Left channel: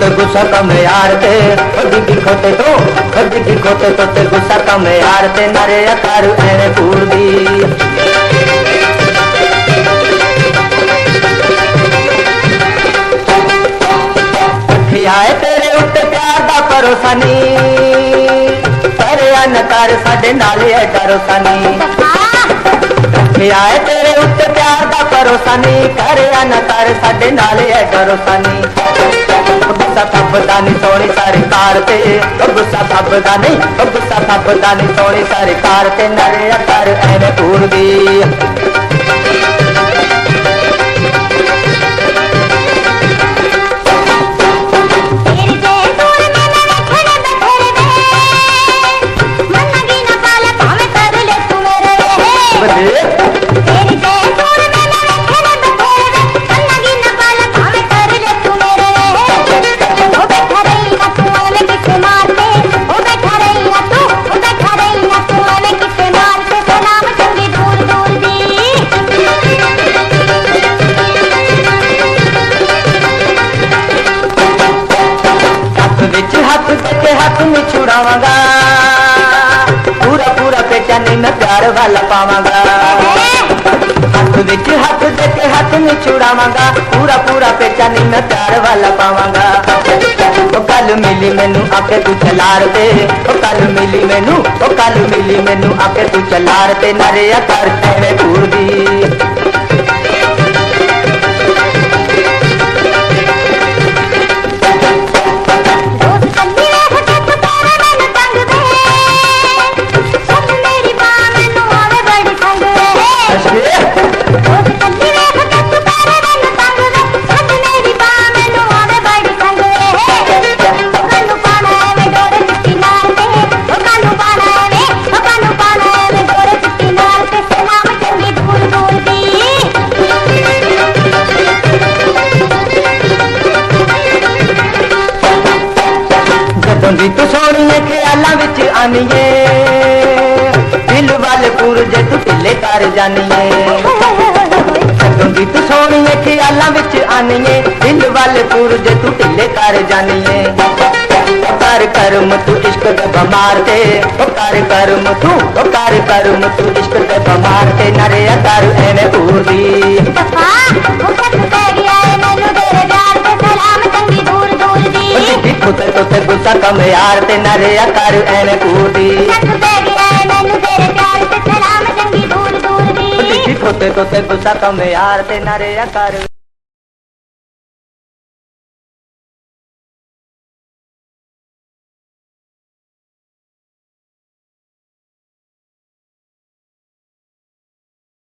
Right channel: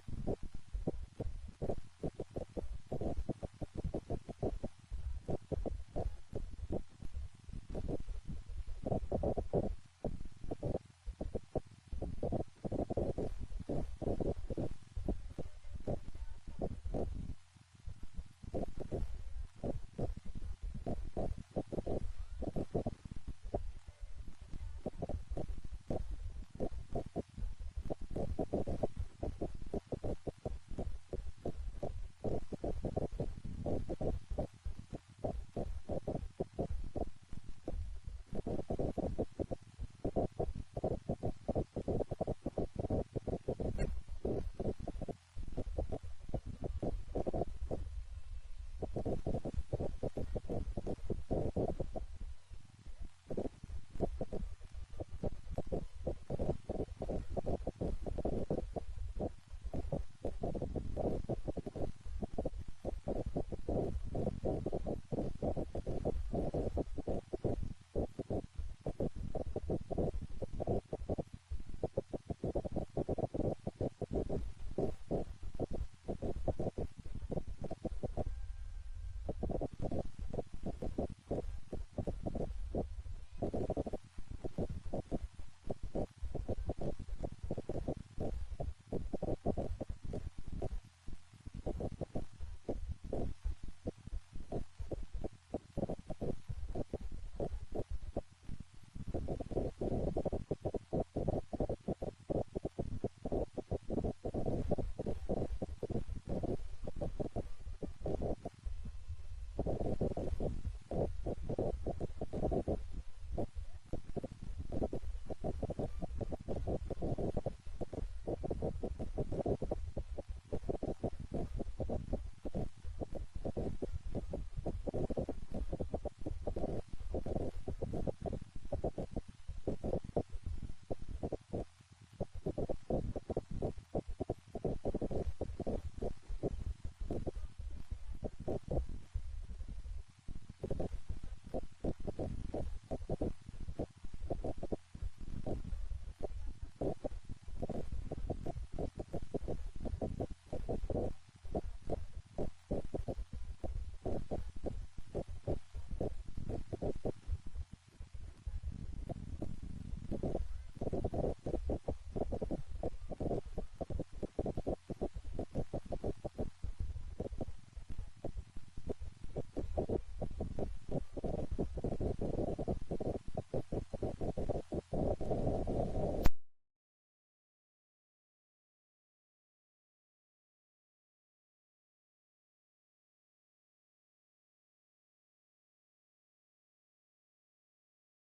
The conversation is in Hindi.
ते गुस्सा कम यार ते दिखी खोते तो ते गुस्सा कम यार ते नरे तारू एने कूड़ दी आए तेरे उत्ते प्यार दा भरोसा नी पर न कर साडे नाल है डरोसा नी आए तेरे उत्ते प्यार दा भरोसा नी कर न कर साडे नाल है डरोसा नी गुस्सा थपदा नी सोनी सारी कार ते गुस्सा थपदा नी सोनी सारी कार ते नरे कर एने पूर दी हाथ में छुड़ावांगा पूरा पूरा पेचा नहीं मैं प्यार वाला पावांगा हाथ विच हाथ देके हाथ में छुड़ावांगा पूरा पूरा पेचा नहीं मैं प्यार वाला पावांगा ओ कल मिली मैनू आके तू चलार दे ओ कल मिली मैनू आके तू चलार दे नरे कर एवें कूड़ दी तू सोनी ख्यालों विच आनीए दिल वाले पूर जे तू ढिले कर जानीए तू सोनी ख्यालों विच आनीए दिल वाले पूर जे तू ढिले कर जानीए कर करम तू इश्क दे बमार ते कर करम तू इश्क दे बमार ते नरे कर एने पूर दी तो गुस्सा कम यार ते नरे कर एने कूड़ दी तो गुस्सा कम यार ते नरे कर